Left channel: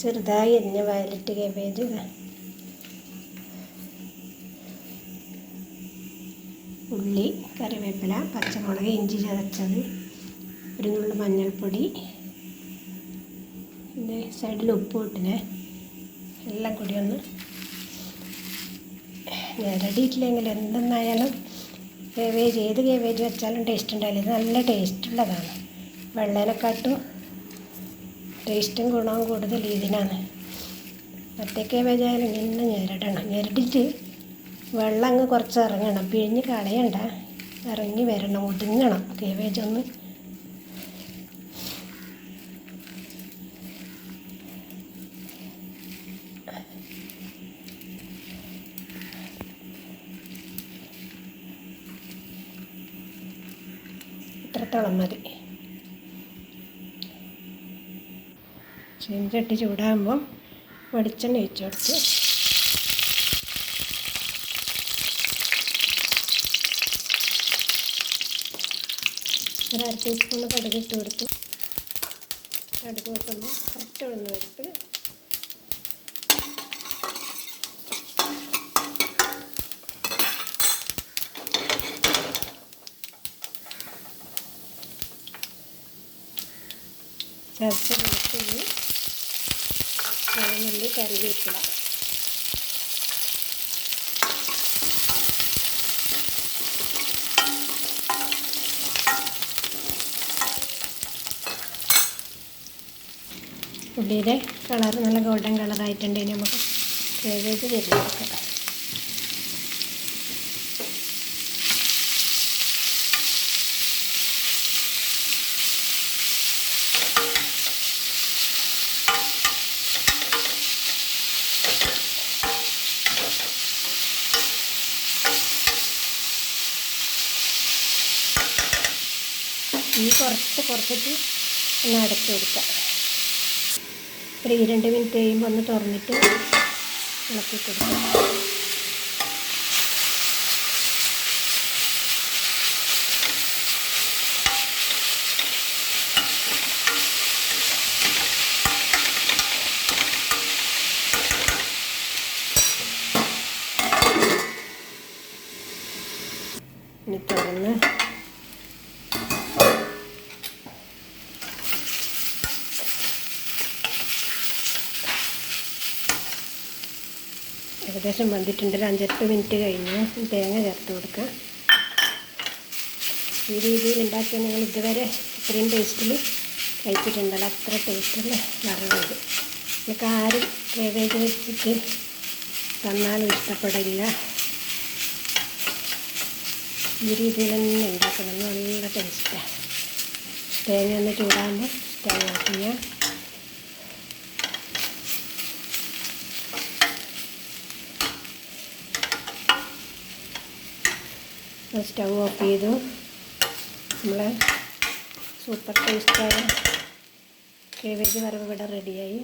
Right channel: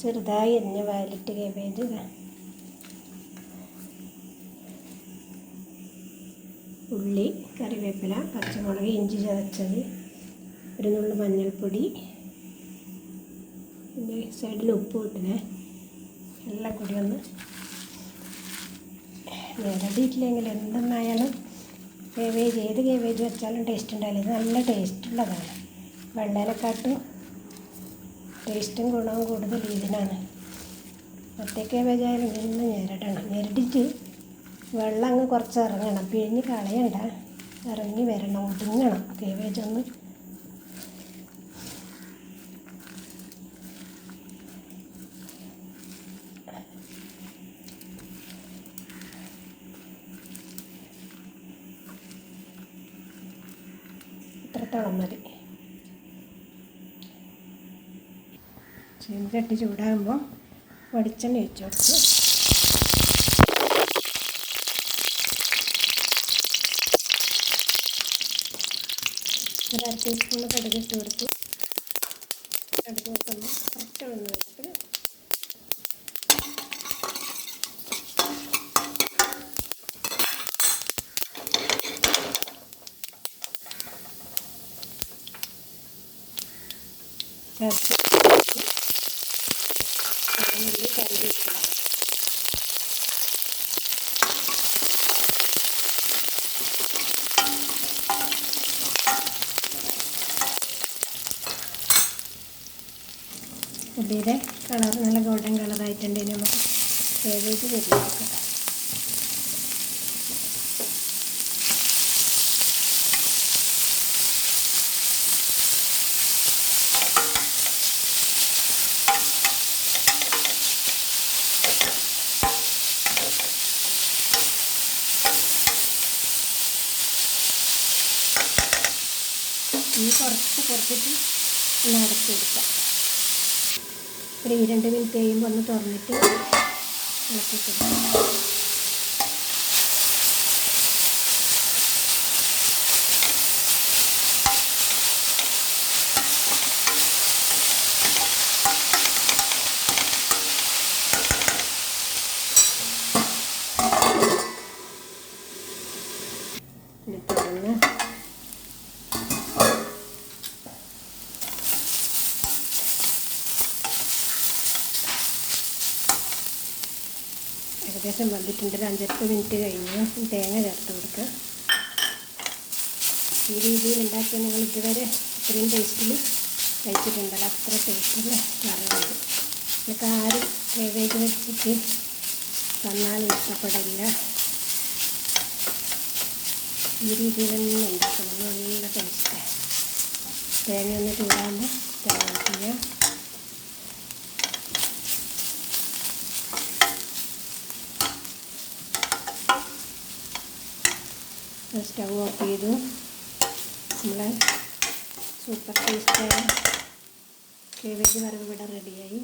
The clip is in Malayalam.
ചെറുതായി അരിഞ്ഞ വയലറ്റ് കാബേജ്, ഉള്ളി, കറിവേപ്പില, പച്ചമുളക്, ഇഞ്ചി ചതച്ചത്, ഒരു നുള്ളു മഞ്ഞൾപ്പൊടി, പിന്നെ സൈഡിൽ ഉപ്പ് ഇട്ടിനെ എല്ലാം കൂടി ഒന്ന് ഞെരടിയിട്ടില്ലെങ്കിൽ എന്തെന്നായാലും കേബേജ് ഏത് കേബേജ് വെച്ചാലും ടേസ്റ്റ് ഉണ്ടാവില്ല. ഇത് നല്ല ടേസ്റ്റുള്ളതാണ്. വെള്ളേനെക്കാട്ടും ടേസ്റ്റും ഗുണവും കൂടുതൽ ഇതിനാണ്. മറ്റേ കേബേജ് ആയാലും ഇങ്ങനെ ഞെരടണം. ഞെരടിയിട്ട് വെള്ളം അങ്ങ് കുറച്ച് ഇറങ്ങണം, പിഴിഞ്ഞ് കളയണ്ട, ഇറങ്ങി വരണം, ഒതുങ്ങണം കേബേജ് ഒന്ന്. ഇത്രത്തോളം മതി. ചീനച്ചട്ടി ചൂടാകുമ്പം വെളിച്ചെണ്ണ ഒഴിച്ച് കൊടുത്ത് ഒരു 1/2 ടീസ്പൂൺ കടുക് ഇട്ട് കൊടുത്തു. കടുക് വെക്കുമ്പോൾ കുറച്ച് ഉഴുന്ന് വെച്ച് ചേർത്ത് നുള്ളി കറിവേപ്പില, ഉള്ളിയുടെ കളർ നല്ല ഗോൾഡൻ കളറായിട്ടുണ്ടെങ്കിൽ നമുക്ക് കേബേജ് തിരിഞ്ഞെടുക്കാം. ഈ കുറച്ചിട്ട് ഒന്ന് അടച്ചു കൊടുക്കാം. ഒരു 2 മിനിറ്റ് കഴിയുമ്പോൾ ഒന്ന് തുറന്നിട്ട് ഇളക്കി കൊടുക്കാം. ഇനി തുറന്ന് ഏകദേശം വന്നിട്ടുണ്ട്. ഒരു 5-8 മിനിറ്റ് കഴിഞ്ഞു. തേങ്ങ ചേർത്ത് കൊടുക്കുക. ഈ രീതിയിൽ ഉണ്ടാക്കിയാൽ നിങ്ങൾ ഇതുവരെ ഇത്രയും ടേസ്റ്റിൽ കഴിച്ചിട്ടുണ്ടല്ലോ. അത്ര ടേസ്റ്റുള്ള കറിവേത്. നിങ്ങൾക്ക് ആരും കേബേജ് വെച്ചിട്ട് തന്നാലും ഇഷ്ടപ്പെടില്ല. ഈ രീതിയിൽ തന്നെ ഉണ്ടാക്കണം. നല്ല ടേസ്റ്റാണ്. തേങ്ങ ഒന്ന് ചൂടാകുമ്പോൾ തേങ്ങ ചെയ്യാം. സ്റ്റൗ ഓഫ് ചെയ്തു. നമ്മളെ സൂപ്പർ ടേസ്റ്റായ കേബേജ് വറവ് ഇവിടെ റെഡിയായി.